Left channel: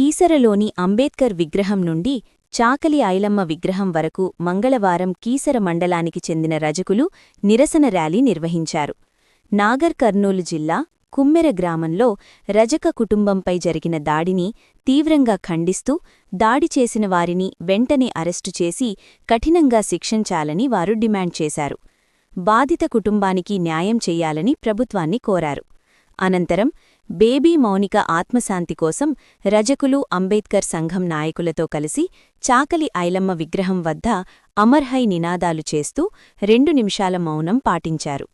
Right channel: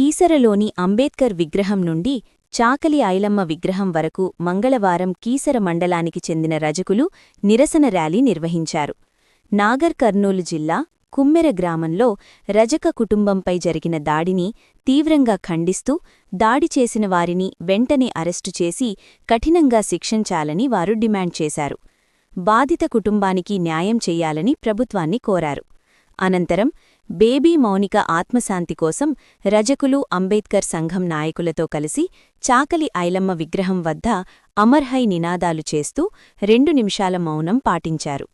కీసరలోని అంబేద్కర్ విగ్రహం నుండి చాకలి ఐలమ్మ విగ్రహం వరకు మంగళవారం కీసర మండలానికి చెందిన రజకులు నిరసన ర్యాలీ నిర్వహించారు. నాగర్ కర్నూలు జిల్లా కుమ్మెర గ్రామంలో రజక కుటుంబంపై జరిగిన దాడిని తీవ్రంగా ఖండిస్తూ దాడి చేసిన వారిని వెంటనే అరెస్టు చేసి కఠినంగా శిక్షించాలని వారు డిమాండ్ చేశారు. బాధిత కుటుంబానికి న్యాయం చెయ్యాలని ప్రభుత్వాన్ని కోరారు. అనంతరం బేబీ మౌనిక ఆత్మశాంతి కోసం రజకులు అంబేద్కర్ సంఘం నాయకులతో కలిసి చాకలి ఐలమ్మ విగ్రహం వద్ద అమర్హై నినాదాలు చేస్తూ 2 నిమిషాల మౌనం పాటించారు.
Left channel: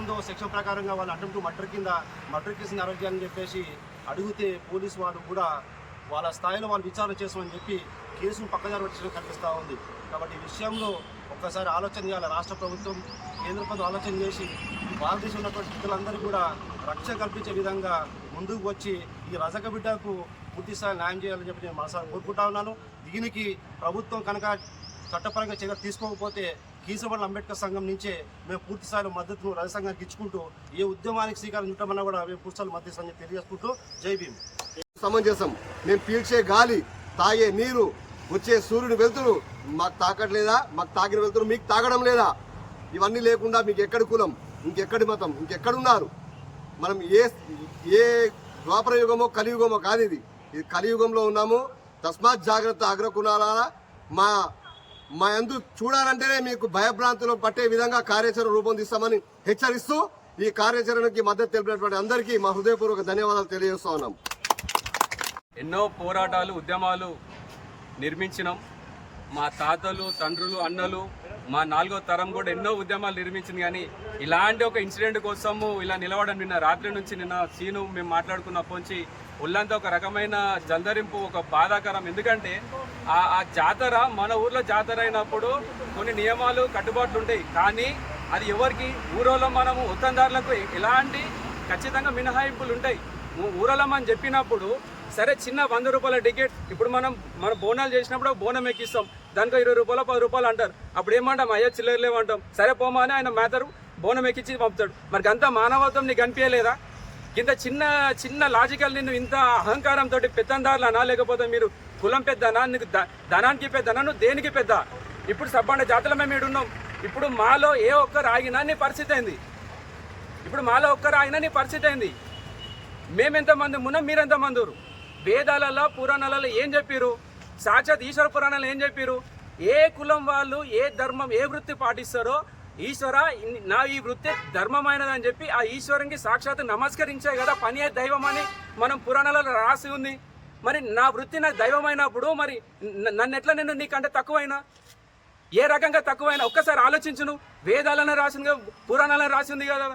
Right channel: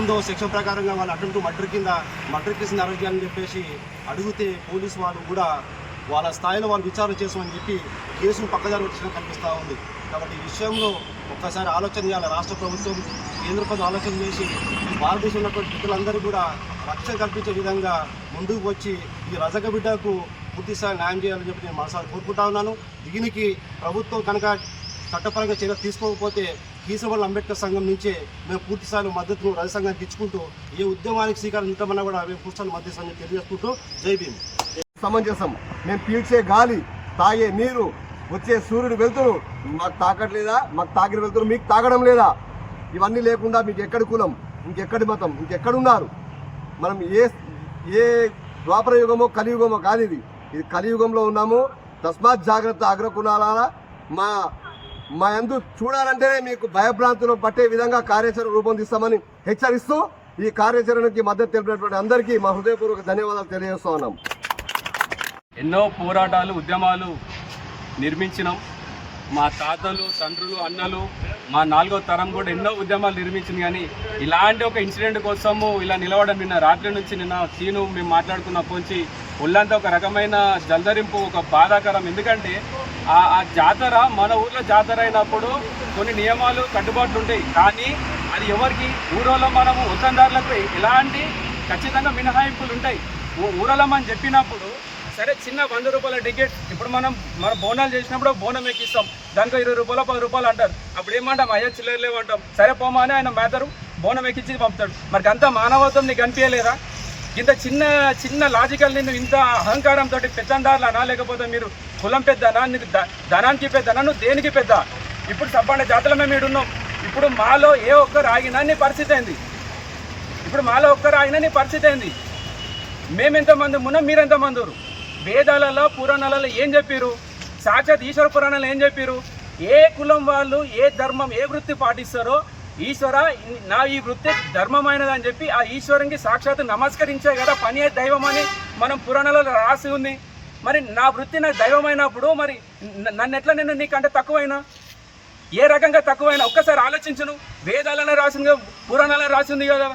ఉందో సెక్షన్ ప్రకారంగా వాళ్ళు అటెంప్ట్ మర్డర్ కేసు అరెస్ట్ చెప్పేసి అడిగితే పోలీసు వాళ్ళు కూడా వాళ్ళ స్థాయిలో వాళ్ళు విచారణ చేసామని చెప్పి కేసును పక్కదారి వచ్చిన కనిపిస్తూ ఉంది. కాబట్టి ఈ విషయంలో ఒక్కసారి ఆలోచన చేయాలి. రాష్ట్ర ప్రభుత్వం, కేంద్ర ప్రభుత్వం ఆలోచన చేసి ఈ భారతదేశంలో ఉన్నటువంటి వ్యక్తులందరూ కూడా రక్షణ కల్పించే విధంగా ముందుకు వచ్చి ఈ రజక బిడ్డకు పూర్తిస్థాయి న్యాయం చేయాలని చెప్పి నేను మనసారి కోరుకుంటా ఉన్నాను. దీనికి ప్రభుత్వం కనుక చట్టపరంగా చర్య తీసుకోకపోతే కీసరమండల అంబేద్కర్ సంఘం నుంచే మేము పూర్తిస్థాయిలో మద్దతును రజ సంఘానికి ఇచ్చుకుంటూ ఏ ఉద్యమానికి శ్రీకారం చుట్టమన్నా కూడా మేము పూర్తిస్థాయిలో మద్దతు అని తెలియజేసుకుంటూ జై భీమ్. సమంజసం. మేము పీల్చే గాలి, తాగే నీరు, వచ్చే సూర్యుని వెళ్తురు మాకు తాకట్లేదా? మాకు తాకిన వెళ్తురు మీకు తాగడం లేదా? ఇవన్నీ లేకుండా మీకు ఎక్కడి కులం, ఇంకెక్కడి మతం, ఇంకెక్కడున్నారు? మనం ఏ ద్వాపర యుగమో కలియుగమో కాదు. ఇది కలియుగంలో ఉన్నాము. తస్మాత్ జాగ్రత్త. అగ్రకులారా, మా యందు చూడాలంటేనే మీకు భయభ్రాంతులు పట్టే విధంగా కార్యాచరణ రూపొందిస్తామని హెచ్చరిస్తూ ఈ కార్యాచరణకి మద్దతు తెలిపినటువంటి అందరికీ మా హృదయపూర్వక ధన్యవాదాలు తెలియజేస్తా ఉన్నాం. ఎన్నో పోరాటాలు, ఉద్యమాలు నిర్మించినాం. మా తాతలు, తండ్రులు, అన్నలు, మా 4వ తరం కూడా ఎన్నో ఉద్యమాలు నిర్మించింది. కానీ ఇలాంటి ఒక ఇన్సిడెంట్ కోసము ఇలా నిలవడం నిన్న రాత్రి నుంచి నిన్న సీను మేము మాట్లాడుకున్నప్పటి నుంచి ఒళ్ళంతా ఒక రకమైన జల్దరింపు, ఒక బాధాకరం. ఎందుకంటే ఆ జాతర మన ఊర్లో జాతర అయినప్పుడు కొన్ని నియమాలు, కట్టుబాట్లు ఉంటాయి. కానీ అది ఎవరికి ఊరోళ్ళ మనము వతందారులకు ఎలాంటి ఖచ్చితంగా మినహాయింపులు ఉంటాయి. ఊరోళ్ళమని చెప్పినప్పుడు సరే, చిన్న 100 రూపాయల టికెట్. ఇప్పుడు మన బోనాలు చేసినప్పుడు బోనం ఎక్కిస్తాం, దానికి 20 రూపాయలు 10 రూపాయలు అంటారు. అప్పుడు ఏమంటాం? అయ్యా చిల్లరలేమంటాం. సరే పోమా అని ఆయన మేతరు బోనం ఎక్కించి పంపుతాడు. మరి అంత మానవత్వం నీకు కనిపించలేదా? ఇంత చిన్న లాజికల్ నిన్ను ఇంత అహంకారంతో పెత్తందారులు అనా, లేకపోతే మీరు కులం పెద్దనా, నీకు ధనానికి పెద్దనా, నువ్వు దేనికి పెద్ద? ఇప్పుడు సబ్బండ జాతర మేము ఈడున్నాం. ఇప్పుడు మాలో ఏ ఒక్కరు ఆగినా నీ పరిస్థితి ఏంది? ఇప్పుడు మాలో ఒక్కరు ఆగినా నీ పరిస్థితి ఏంది? మేమెంతమంది ఉన్నాం, మీరెంతమంది? వేదాలలో, పురాణాలలో ఏం చెప్పారు? సాక్షాత్ ఈశ్వర పురాణాలు ఏం చెప్పారు? ఏ కులం వాళ్ళు ఏ ధర్మం, ఏ వృత్తి పాటిస్తారో, ఈశ్వర నా ఈ వృత్తి ధర్మమైనదని చెప్పి ఆ ఈశ్వరునికి సాక్షాత్ నమస్కరించే కదా పని దైవం అని మనం పురాణాలలో రాసి ఉంది. మరి నా వృత్తి నాకు దైవమైనప్పుడు మరి నన్ను ఎట్లా నేను నీకంటే తక్కువైనా? ఏ రకంగా తక్కువైనా? ఒక్కసారి ఆలోచించును. వేదాలనే రాసింది, పురాణాలనే రాసింది కదా.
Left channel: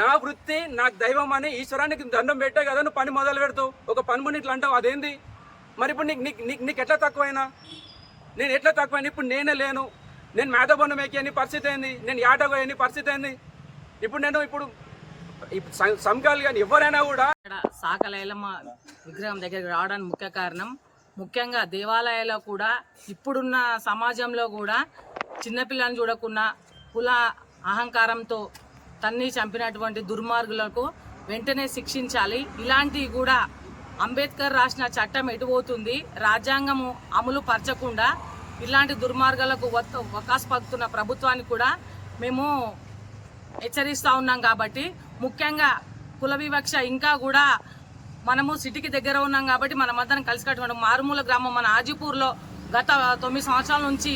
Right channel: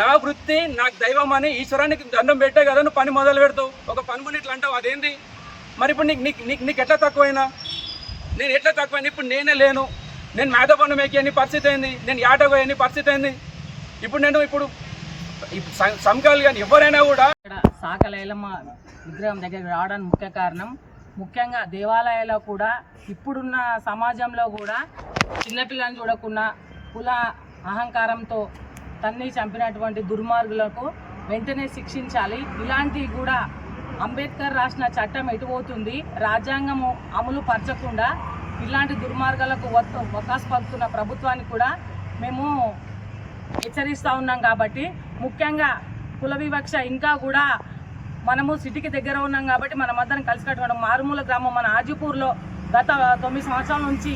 నా వృత్తి నాకు దైవం అని ఈశ్వరానికి దండం పెట్టే కదా నువ్వు పని మొదలు పెడతావు. ఒక పని ఇట్లా అంటావు, అదేంది? మరి ఇప్పుడు నీకు ఎట్లా తక్కువైనా? నేను ఎట్లా తక్కువైనా? ఇప్పుడు నేనే లేను, నేను మేధపన్నం ఎక్కి పరిస్థితి ఏంది? నేను యాటగో అని పరిస్థితి ఏంది? ఇప్పుడు సంఘాలు కానీ ఎవరైనా కూడా చాకలి ఐలమ్మ విగ్రహం దగ్గరికి రావడానికి ముఖ్య కారణం, ముఖ్యంగా దేవాలయాల్లో కూడా ఇప్పుడున్న సమాజంలో కూడా చిన్నపిల్లని చూడకుండా కుల అహంకారంతో తన్ని చంపినటువంటి దుర్మార్గులకు వెంటనే శిక్షించాలి. ఇలాంటివి కూడా అంబేద్కర్ రాసిన చట్టం ఎటుపోతుంది, రాజ్యాంగము అమలు పరచకుండా ఇలాంటి దుర్మార్గాలకు వకాసు పలుకుతున్న ప్రభుత్వానికి కూడా మేము హెచ్చరిస్తూ ఉన్నాం. కాబట్టి ముఖ్యంగా కుల వివక్ష ఇంకా కూడా మనము సిటీకి దగ్గర ఉన్నాం కాబట్టి మనమందరం కలిసి కట్టుకోవడం. మారుమూల గ్రామం మన ఆజిపూర్లో గత 9 సంవత్సరాల నుంచి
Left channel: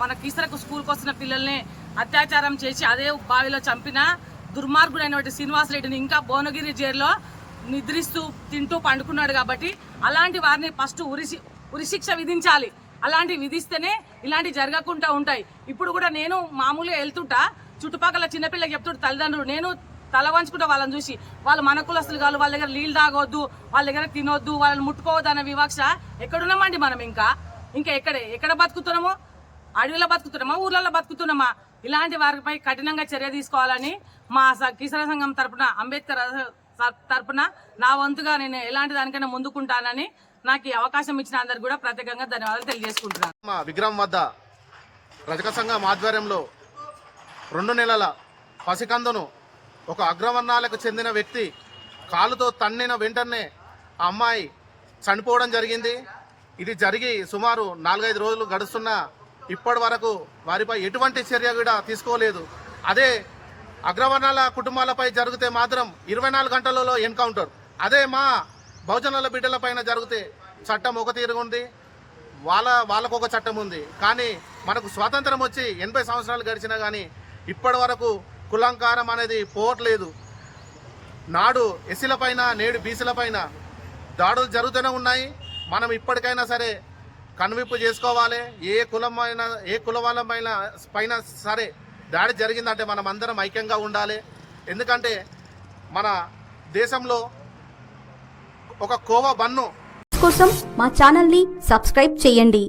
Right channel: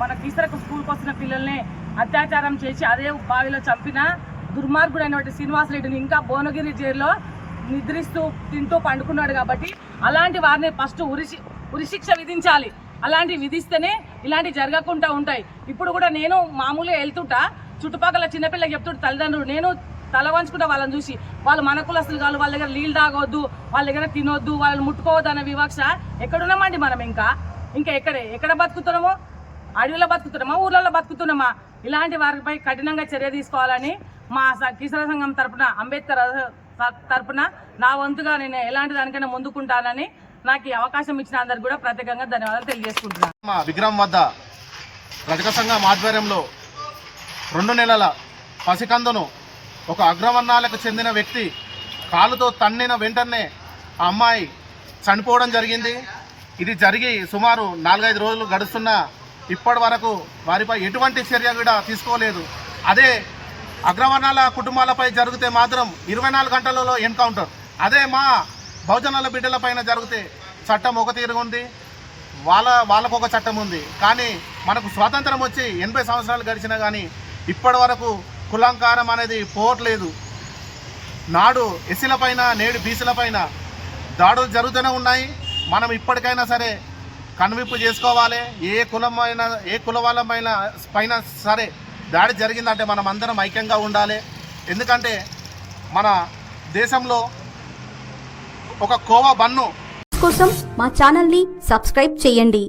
మన కీసరకు స్కూల్కి వస్తున్న పిల్లల్ని అత్యాచారం చేసి అదే బావిలో చంపిన దుర్మార్గుడైనటువంటి శ్రీనివాసరెడ్డిని ఇంకా భువనగిరి జైల్లో నిద్రిస్తూ తింటూ పండుకున్నాడు. కాబట్టి అలాంటి వారిని ఫస్ట్ ఉరిశిక్ష విధించాలి. అలాంటివి విధిస్తేనే ఇలాంటివి జరగకుండా ఉంటాయి. ఇప్పుడు కూడా నేను మామూలుగా వెళ్తుంటా, చుట్టుపక్కల చిన్నపిల్లకి చెప్తుంటే తల్లిదండ్రులు, నేను తల వంచుకుంటా వాళ్ళని చూసి. వాళ్ళు మన కులస్తులు కాదు, వాళ్ళ దగ్గర నీళ్ళు తాగొద్దు, వాళ్ళ దగ్గర తినొద్దు, వాళ్ళని ముట్టుకోవద్దు అన్న వివక్ష ఎక్కడున్నామండి మనం? ఇంకా ఎక్కడ బతుకుతున్నాము? అడవిలో బతుకుతున్నామా, ఊర్లలో బతుకుతున్నామా? ఇలాంటి వారిపై కఠినంగా చర్య తీసుకోవాలని మా కిసాన్ సంఘం తరపున అంబేద్కర్ తరపున నా వంతుగా నేను ఎలాంటి దానికైనా ముందుకుంటానని నాకు ఈ అవకాశం ఇచ్చిన అందరికి కూడా ప్రత్యేకంగా ధన్యవాదాలు తెలియజేసుకుంటున్నాను. మా విగ్రహం వద్ద రజక సంఘం ఆధ్వర్యంలో 2 నెలల పసికందును ఒక అగ్రవర్ణాలకు చెందిన వ్యక్తి కాలుతో తన్నిన వెంటనే ఆ అమ్మాయి చనిపోవడం జరిగింది. ఇది జరిగి సుమారు 4-5 రోజులు గడుస్తున్నా ఇప్పటి వరకు వారిపై ఎటువంటి చర్య కూడా తీసుకోలేదు. అదే అగ్రవర్ణాల కుటుంబాలపై జరిగితే మాత్రం 24 గంటలలో ఎన్కౌంటర్. అదే మా బహుజనుల బిడ్డల పైన జరిగితే చట్టం ఒక తీరుగా ఉంది, వాళ్ళకు ఒక చట్టం ఉంది. కానీ మనకు స్వాతంత్రం వచ్చి 80 సంవత్సరాలు గడిచినా కానీ ఇప్పటి వరకు కులంకారం అనేది పోవట్లేదు. నాడు ఎస్సీల పైన నేడు బీసీల పైన దాడులు జరుగుతూనే ఉన్నాయి. మనం ఇప్పటికైనా సరే కనువిప్పు చేసుకోవాలి. ఏ కుల వాళ్ళ పైన సరే దాడి జరిగిందంటే మనం అందరం ఐక్యంగా ఉండాలి. ఎందుకంటే మన దేశంలో ఒక కోవా బన్ను కోసం మా ఛానల్ని సబ్స్క్రైబ్ చేయండి.